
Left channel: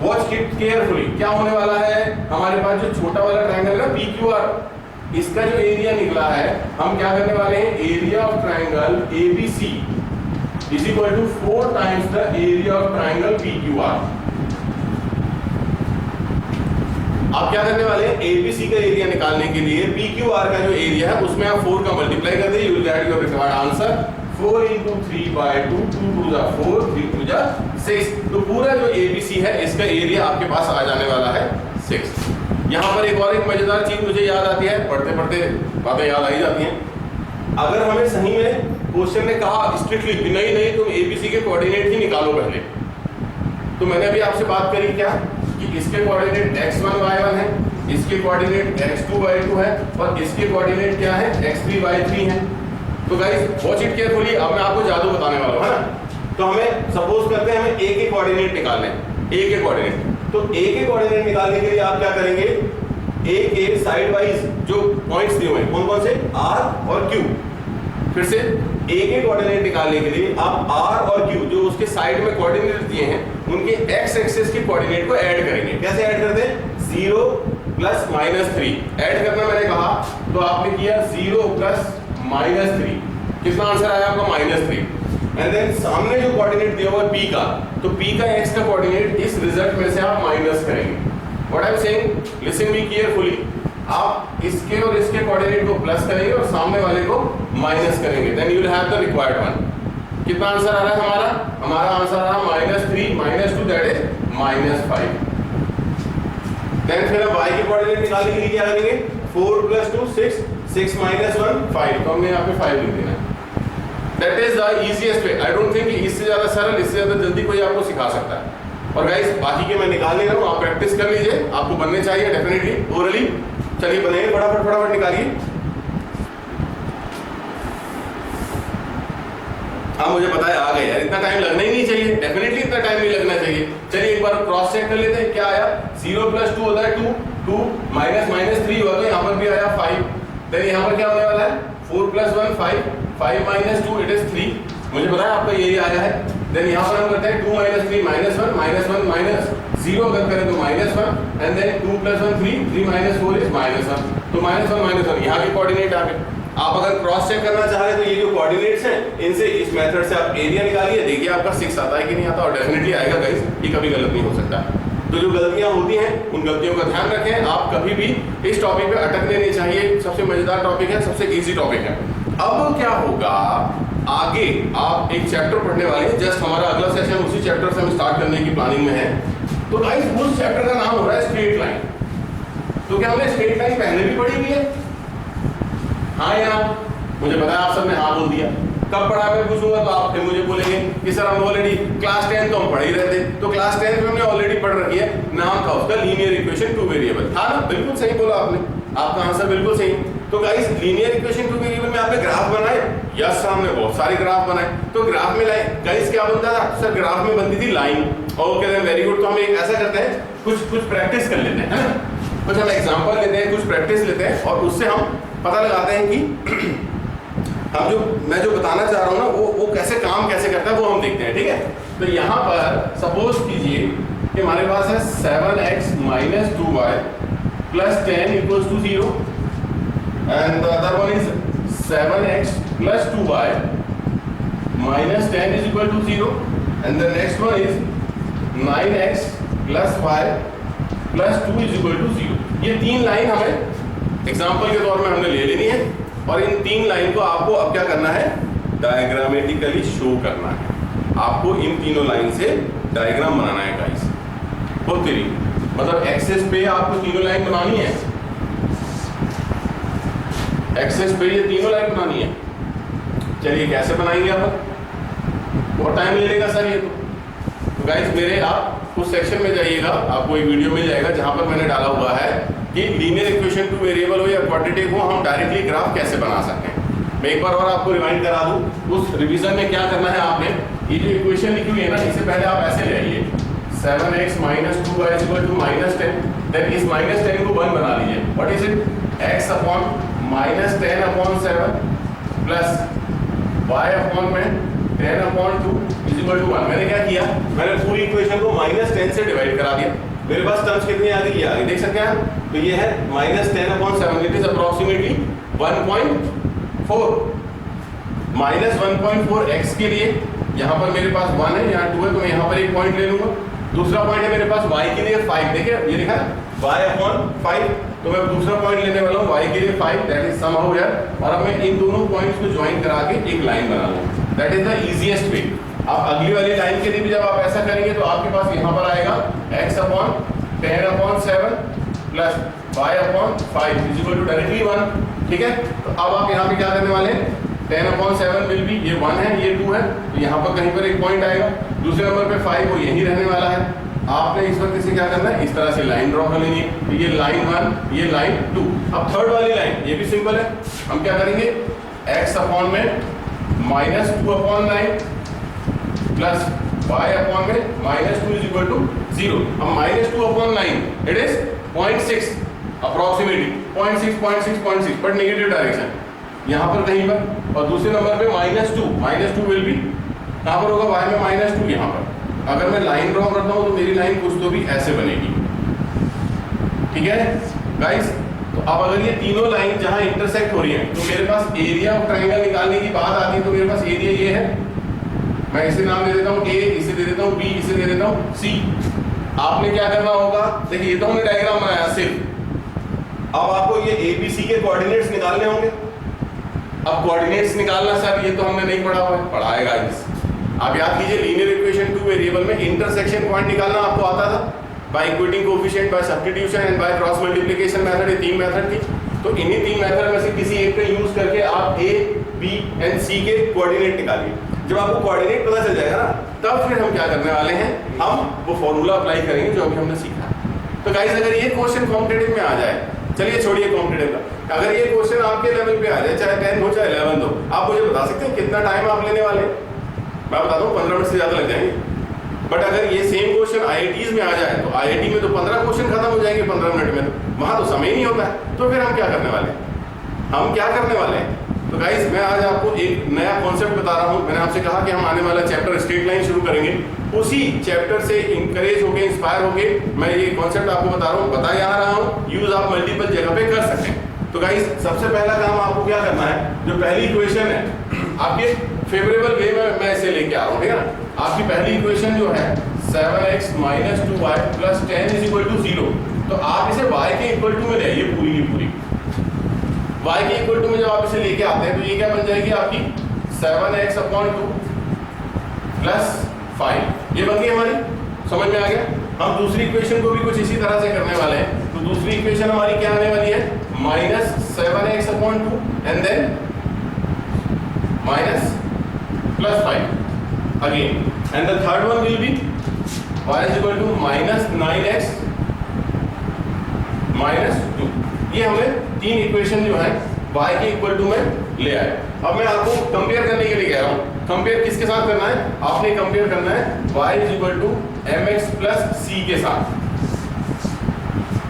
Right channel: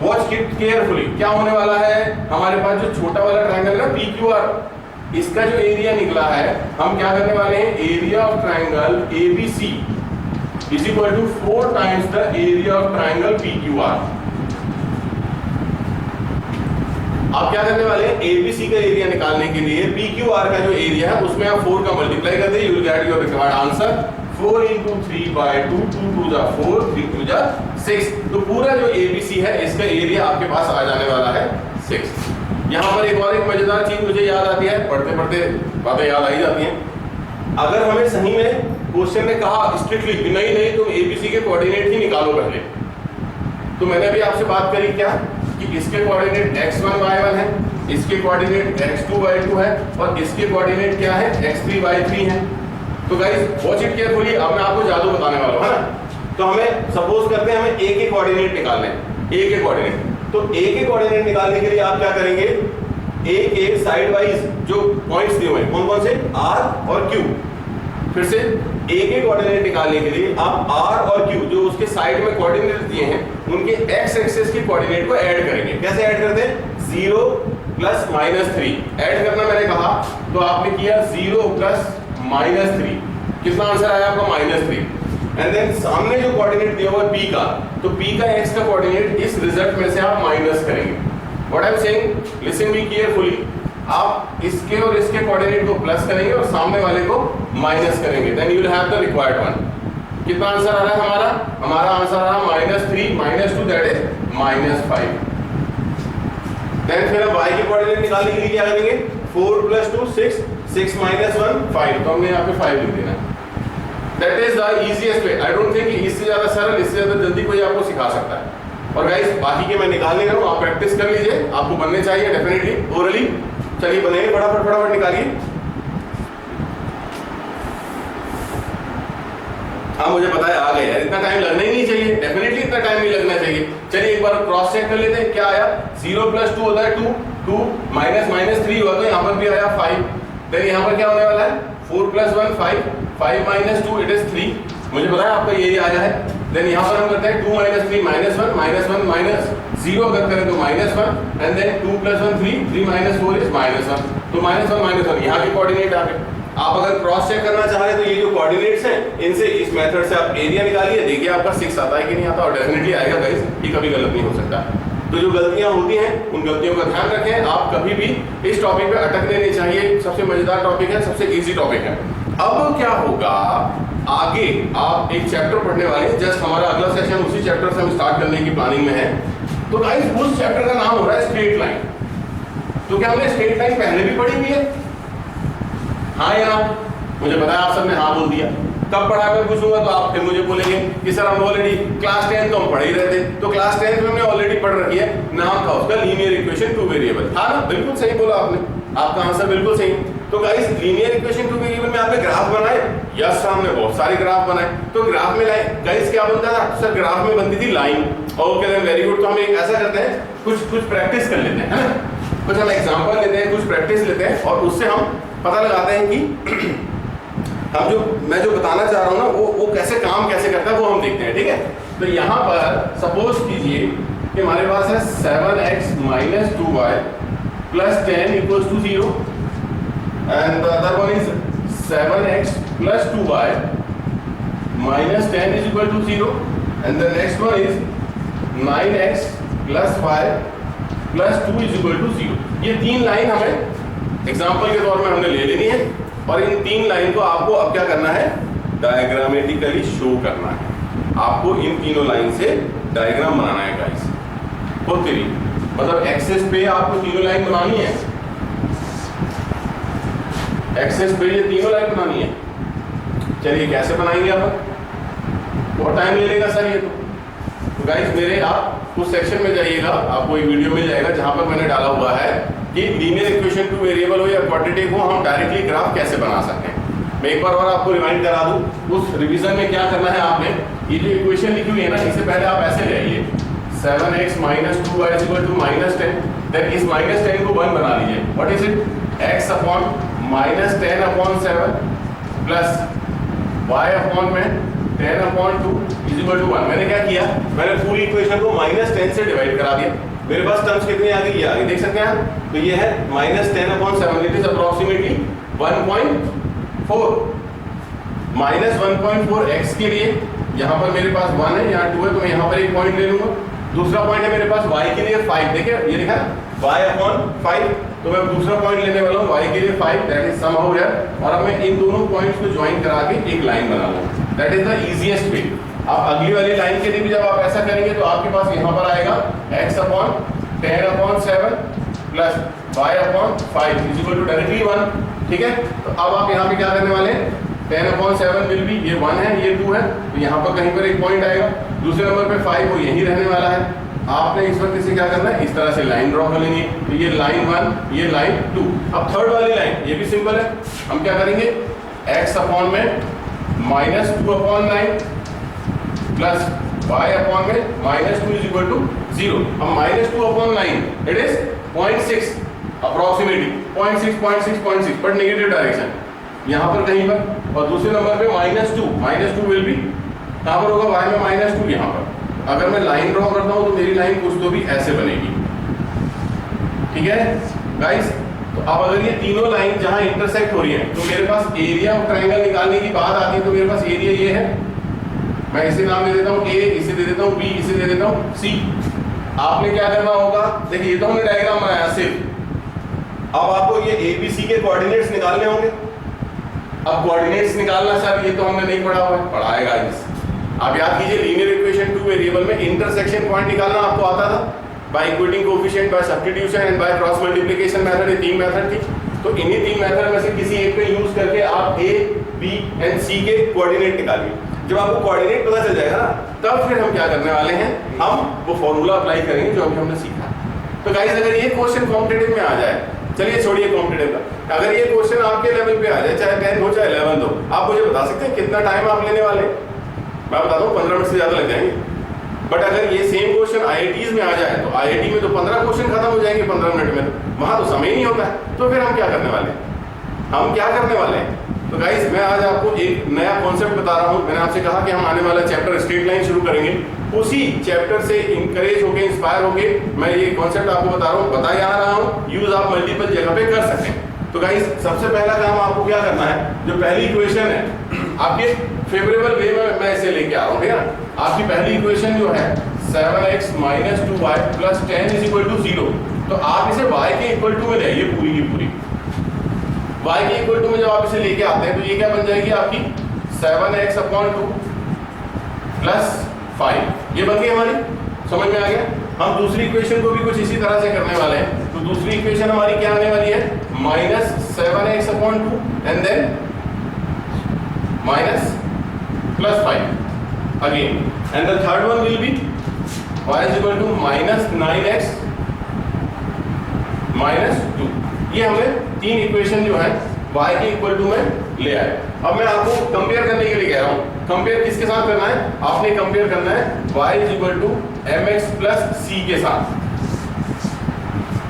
वॉच इट केयरफुली। क्या होने वाला है, हमारे पास जो छोटा वाला ट्रायंगल है ना PQR, इसका जो एरिया निकला है हम क्या करने वाले हैं, area of triangle ABC is equal to 4 times the area of triangle PQR। आप क्या करने वाले हैं, ABC का एरिया निकालने के लिए PQR का जो एरिया है उसमें आप 4 का मल्टीप्लाई कर दे, you will get your required answer 4 × 3/2, 2 × 2 = 4, 3 × 2 = 6। तो पूरा जो ABC है इसका एरिया आपके पास आ जाने वाला है 6। यहाँ पर एक और एक मजेदार चीज मुझे याद आती है, पढ़ते पढ़ते बातें याद आई जाती हैं। अगर हमें सही में क्वेश्चन ने कहा स्ट्रिक्टली नहीं तुम ABC के कोऑर्डिनेट ही निकालो पहले, तो मैंने अभी आपसे बात करी क्या कि इसके कोऑर्डिनेट x1 y1 है, इसके कोऑर्डिनेट x2 y2 है और इसके कोऑर्डिनेट क्या है x3 y3 है। तो गाइस वॉच इट केयरफुली, अब मैं आपको जादू बताने वाला हूं, है ना। तो हमें सपोज करते हैं हमें a के कोऑर्डिनेट निकालने हैं, a के कोऑर्डिनेट। तो a के कोऑर्डिनेट निकालने के लिए आप क्या करेंगे, a के साइड वाइज जो पॉइंट्स दिए हुए हैं कौन कौन से, r और q। फिर से a के कोऑर्डिनेट निकालने के लिए आप r और q जो उसके साइड में कोऑर्डिनेट दिए हैं उनके x एक्सिस के कोऑर्डिनेट को ऐड करेंगे। कैसे ऐड करते हैं, 0 + -3 ऐड करना मैंने कहा, तो आपने किया 0 + -3, कितना आंसर आया आपका -3। एंड देन सामने जो कोऑर्डिनेट दिया हुआ है p का, तो p का x का कोऑर्डिनेट इस रिजल्ट में से आप माइनस करेंगे। What I am saying, listen me carefully, आप इसके और इसके कोऑर्डिनेट को प्लस करेंगे और सामने वाले को माइनस करेंगे, then you will have the required one. कितना आंसर आ रहा है हमारा आंसर आ रहा है -3 - 2 दैट इज -5। देन फिर हम y के कोऑर्डिनेट निकालने के लिए क्या करेंगे, 4 + 2 6, 6 - 1 5, तो हमने यहाँ पे 5 लिख देना। That is the easiest way. I don't think इससे ज्यादा सरल, इससे ज्यादा जल्दी कोई आपको सिखा सकता है। और गाइस बाकी के मैं निकाल ले रहा हूँ, आप प्रैक्टिस कर लीजिए, आपको बनने चाहिए डेफिनेटली ओरली। चलिए बनाइए, फटाफट निकालिए। हाँ मुझे पता है आ गए यार, इतना टाइम लगना ही नहीं चाहिए, डेफिनेटली इतना टाइम नहीं लगना चाहिए। चलिए एक बार क्रॉस चेक कर लेते हैं, क्या आया, 0 + 2 होता है 2, 2 - 3 हुआ, तो यहाँ पर भी आया 5। देन यहाँ पर क्या होने वाला है, 4 + 1 5, 5 - 2 इट इज 3। मुझे पता है आपका यही आया है। देन यहाँ पर हम करते हैं 2 - 3 -1, -1 -0 अगर करें तो -1 एंड देन 2 + 1 3, 3 - 4 इज -1, तो -1 -1 यहाँ के कोऑर्डिनेट आ गए। आप अगर क्रॉस चेक करना चाह रहे हैं तो ये जो कोऑर्डिनेट्स हैं इनसे इस मेथड से आप एरिया निकालिए, देखिए आपका 6 आता है कि नहीं आता, और डेफिनेटली आएगा गाइस, ये कभी गलत नहीं हो सकता। तो जो गलतियां होती हैं उन गलतियों का ध्यान रखें, आप कभी भी इस टॉपिक पे अटकने नहीं चाहिए, सबसे मजेदार टॉपिक है, सबसे इजी टॉपिक है। अब क्या होगा, आगे आप एक चैप्टर पढ़ने वाले हैं, जस्ट हमारा अगला सेशन उसी चैप्टर से हम स्टार्ट करने की प्लानिंग में है। तो गाइस उस चैप्टर का नाम हो रहा है स्ट्रेट लाइन। तो क्या हमने स्ट्रेट लाइन पहले भी पढ़ी हुई है, हाँ या ना? मुझे पता है आप सबने हाँ बोल दिया। कब पढ़ा मैं पूछूंगा तो आप फिर मुझे बोलेंगे कि सर हम ऑलरेडी क्लास 10 तो हम पढ़ ही रहे थे। तो क्लास 10 में हमने ऑलरेडी पढ़ रखी है, नाम था उसका लीनियर इक्वेशन 2 वेरिएबल, था ना? बिल्कुल सही बोला आपने, आपका आंसर बिल्कुल सही। तो गाइस लीनियर इक्वेशन 2 वेरिएबल में आपने ग्राफ बनाए, यस हमने बहुत सारे ग्राफ बनाए। तो ग्राफ में लाइन, गाइस क्या बनता था सर, ग्राफ में बनती थी line. Okay then very good. तो हम एक ऐसा करते हैं, कुछ प्रैक्टिस कर लेते हैं, है ना? कुछ हम एग्जांपल लेते हैं, कुछ प्रैक्टिस लेते हैं और उससे हम पता लगाते हैं कि मैं जो बताना चाह रहा हूँ ना वो कैसे काम कैसे करता है, वो हम देखते हैं, ठीक है? तो यहाँ पर सपोज कीजिए कि हमारे पास है 7x - 2y + 10 = 0 and the other one is 7x + 2y - 10 = 0 and the next one is 9x + y + 2 = 0। ये तीन लाइन हमें एग्जाम्पल के तौर में हमने ले लेनी है और इन तीन लाइन को आपको अब क्या करना है, डायग्रामेटिकली शो करना है। आपको इन तीनों लाइन से डायग्राम बनाना है गाइस। वो 3, मतलब एक्सेस पे आपको तीनों लाइन बनानी है, एक्सेस पे ये तीनों लाइन बनानी है। चलिए कैसे बनाएंगे आप, बहुत टाइम ले लेगा सर ये तो गाइस मेरे आप उस सेक्शन में जाइएगा, आपको एक वीडियो मिल जाएगा जहां पर मैंने डाला हुआ है कि लीनियर इक्वेशन टू वेरिएबल हो या क्वाड्रेटिक हो हम डायरेक्टली ग्राफ कैसे बना सकते हैं। मैं एक बार और आपको रिमाइंड करा दूं, उस रिवीजन में क्या करना है आपने, ये जो इक्वेशन लिखी हुई है ना, इससे पहले आप ऐसे ले आइए 7x - 2y = -10, देन इस -10 को 1 बना लीजिए। What is it, x upon -10/7 plus y upon में 10/2 = 1। मैंने क्या किया, मैंने पूरी इक्वेशन को -10 से डिवाइड करा दिया। मेरे पास टर्म्स कितनी आ गई, ये आ गई, देख सकते हैं। तो ये है -10/7, इट इज अप्रोक्सीमेटली 1.4 -1.4 x के लिए यहाँ पर मेरे पास 1 है, यहाँ 2 है, तो मैं यहाँ पर एक पॉइंट ले लूंगा। दूसरा पॉइंट है मेरे पास y के लिए 5, देखिए ये लिखा है y/5, तो मैं दूसरा पॉइंट लेने वाला हूँ y के लिए 5, दैट इज सम हो गया। और अब मैं इन दोनों पॉइंट्स को ज्वाइन करा के एक लाइन बना लूँ, that is the easiest way. आप अगली वाली लाइन के लिए भी जब आप ऐसा करेंगे तो आपके पास यहाँ पर आएगा x/10/7 प्लस y/5 = डायरेक्टली 1, ठीक है। तो अब आप यहाँ पे क्या करने वाले हैं, 10/7 विल बी, ये 1 है ये 2 है, तो यहाँ पर कहीं पर एक पॉइंट आएगा। दूसरे नंबर पे 5 वो यही रहने वाला है। आपने इस वक्त इसे क्या करना है, इस तरह से लाइन ड्रॉ कर लेनी है। तो ये लाइन 1, ये लाइन 2। अब थर्ड वाली लाइन ये भी सिंपल है, हम क्या करेंगे, x अपॉन में -2/9 प्लस y अपॉन में -2 = 0। अब -2/9 it is 0.6 approximately 0.6 but negative direction यहाँ पर कहीं पर। और दूसरे नंबर पे -2 विल बी कहाँ पर होगा, y में -2 यहाँ पर। अगर मैं लाइन ड्रॉ करता हूँ तो मेरी लाइन कुछ तो भी ऐसे बनेगी, ठीक है गाइस। तो अब अगर ये तीनों लाइन जहां इंटरसेक्ट हो रही हैं तो मेरे पास एरिया ऑफ ट्रायंगल निकालने की बात आती है। तो मेरे पास एरिया ये है, मैं इसे नाम दे देता हूँ a, इसे दे देता हूँ b, इसे दे देता हूँ c। आपने क्या करना होगा, देखिए ये तो हमने डायग्राम बनाया सिर्फ, अब आपको ये a b c के कोऑर्डिनेट्स निकालने होंगे। अब कोऑर्डिनेट्स निकालना सर ये तो हमने नहीं पढ़ा हुआ है, पढ़ाएगा इस। आप याद कीजिए लीनियर इक्वेशन टू वेरिएबल में इंटरसेक्शन पॉइंट निकालना आपको आता था by equating coefficient, by substitution and by cross multiplication method. ये 3 मेथड थी। तो इन्हीं 3 मेथड में से किसी एक का यूज करके आप a, b एंड c के कोऑर्डिनेट निकालिए। जब आपको कोऑर्डिनेट पता चल जाएगा ना, तब फिर हम क्या करने वाले हैं, हम वो फॉर्मूला अप्लाई करेंगे जो अभी हमने सीखा। तो गाइस अगर ये क्वेश्चन कॉम्पिटिटिव में आ जाए, चलिए छोड़िए कॉम्पिटिटिव का, अगर ये क्वेश्चन आपके लेवल पे आ जाए, चाहे 10 हो चाहे 11 हो, आप मुझे बता सकते हैं कितना टाइम आप लेने वाले? मैं बताता हूँ 15 मिनट से ज़्यादा लग जाएंगे। बट अगर ये सेम क्वेश्चन IITs में आ जाए तो IIT में तो 15 क्वेश्चन खत्म हो जाएंगे 15 मिनट में, तो वहाँ तो समय ही नहीं होता है। तो फिर हम क्या करने वाले हैं, हम क्या करने वाले हैं? तो गाइस मैं आज आपको एक नया कॉन्सेप्ट बता रहा हूँ। मैंने आपसे कहा कि हम आने वाला चैप्टर स्ट्रेट लाइन शुरू करेंगे, उसी चैप्टर से इंकरेज होके इंस्पायर होके मैं ये कॉन्सेप्ट आपको बता रहा हूँ, बता यहाँ रहा हूँ, यूज आप मल्टीपल जगह पे कर सकते हैं। तो गाइस सबसे पहला काम आपको क्या करना है, जो पहली इक्वेशन है आपके फेवरेबल वे में मैं इसे लेके आ रहा हूँ, ठीक है ना। आपकी पहली इक्वेशन जो है 7x - 2y + 10 = 0, तो आप इसे y के इक्वल टू में ले आइए, पूरी की पूरी y के इक्वल टू में जब आप इसे लेके आते हैं तो ये क्या बन जाएगी आपकी 7x/2 + 5, ये बन गई हमारी, समझ में आ गया। हम दूसरी इक्वेशन को भी कुछ इसी तरह से करने वाले हैं। तो दूसरी इक्वेशन हमारी क्या आने वाली है, -7x/2 and then -+5 again, and the third one will be y = -9x - 2। ये हमें 3 इक्वेशन जो है y के इक्वल टू में ले आए। अब मैं आपको कंपेयर करने के लिए कह रहा हूँ। कंपेयर किसके साथ करना है, आपने कंपेयर करना है y = mx + c के साथ।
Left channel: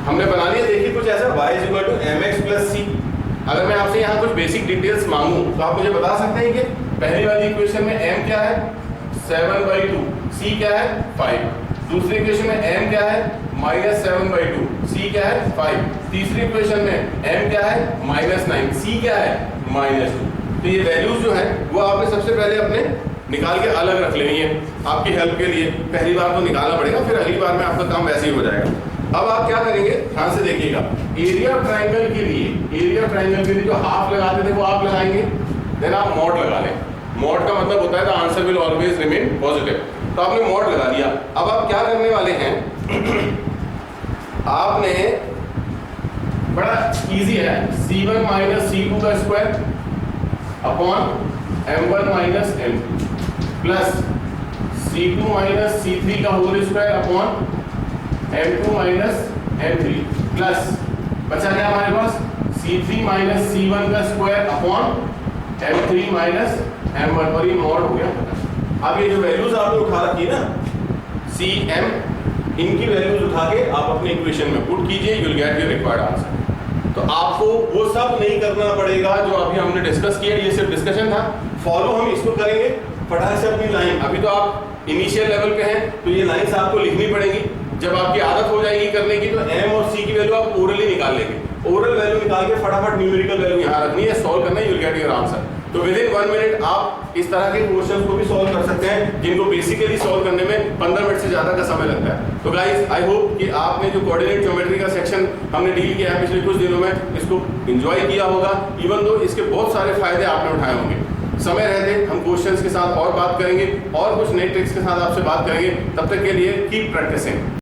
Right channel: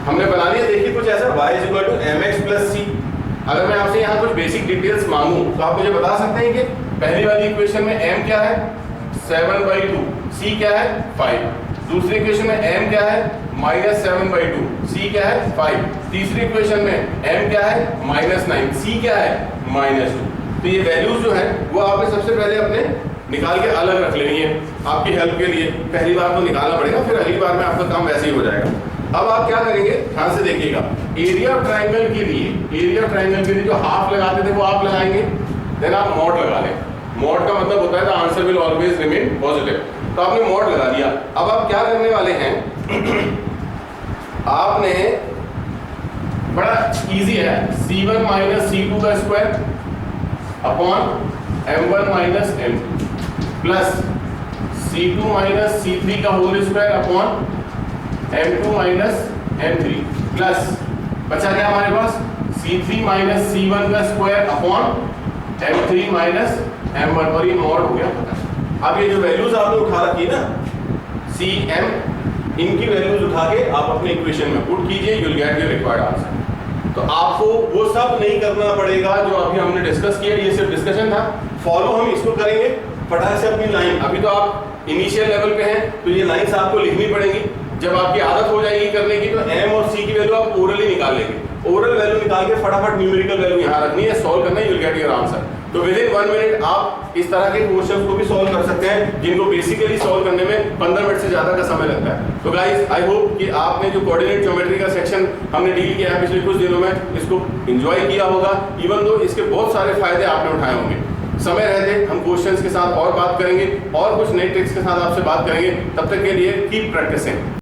हमने बना लिया, देखिए कुछ ऐसा y = mx + c। अगर मैं आपसे यहाँ कुछ बेसिक डिटेल्स मांगूं तो आप मुझे बता सकते हैं कि पहली वाली इक्वेशन में m क्या है 7/2, c क्या है 5। दूसरी इक्वेशन में m क्या है -7/2, c क्या है 5। तीसरी इक्वेशन में m क्या है -9, c क्या है -2। तो ये वैल्यूज जो है वो आपने सबसे पहले अपने निकाल के अलग रख लेनी है आपकी हेल्प के लिए। पहली बार तो निकालना पड़ेगा, फिर अगली बार में आपका काम वैसे ही हो जाएगा। अब आप क्या करेंगे, ध्यान से देखिएगा, एरिया ऑफ ट्रायंगल के लिए जो हाफ लगाते थे वो आप लगाएंगे, देन आप मॉड लगा लें। मॉड का मतलब होता है the answer will always remain positive. तो आपने मॉड लगा दिया। अब आप क्या करने वाले हैं आपने बड़ा इजी है, C1 माइनस C2 का square upon M1 minus M2 plus C2 minus C3 का whole square upon M2 minus M3 plus बचा क्या हमारे पास C3 माइनस C1 का square upon M3 minus M1 और ये मॉड हो गया। अब ये जो वैल्यूज आपने उठा रखी है ना CM, इनकी वैल्यूज उठा के आप अपने इक्वेशन में पुट कीजिए, you will get your required answer. तो आपको वो सब नहीं करना पड़ेगा जो अभी हमने डिस्कस किया, ये सिर्फ डिस्कशन था। फॉलो हम इसको करेंगे फटाक से अपनी लाइन, अभी तो आप इनिशियल लेवल पे हैं तो ये लाइंस आपको लिखनी पड़ेंगी। जब आपकी आदत हो जाएगी करने की तो M और C की वैल्यू आप ओरली निकाल लेंगे, ओरल वैल्यू निकाल के फटाफट न्यूमेरिकल वैल्यू यहाँ रखनी है, सॉल्व करना है, you will get your answer. तो विद इन 1 मिनट आप इस तरह के क्वेश्चंस को भी सॉल्व कर सकते हैं जिनको बेसिकली सॉल्व करने में 15 मिनट से ज्यादा का समय लगता है। तो गाइस आई होप कि आपने जो कोऑर्डिनेट ज्योमेट्री का सेक्शन हमने डील किया है पिछले कुछ दिनों में, इसको एंजॉय किया होगा, इवन दो इसके बहुत सारे फायदे आपने उठाए होंगे। समय रहते हम क्वेश्चंस के साथ और बात करेंगे और कुछ नए ट्रिक्स के साथ आपसे बात करेंगे। तब तक के लिए कीप प्रैक्टिसिंग।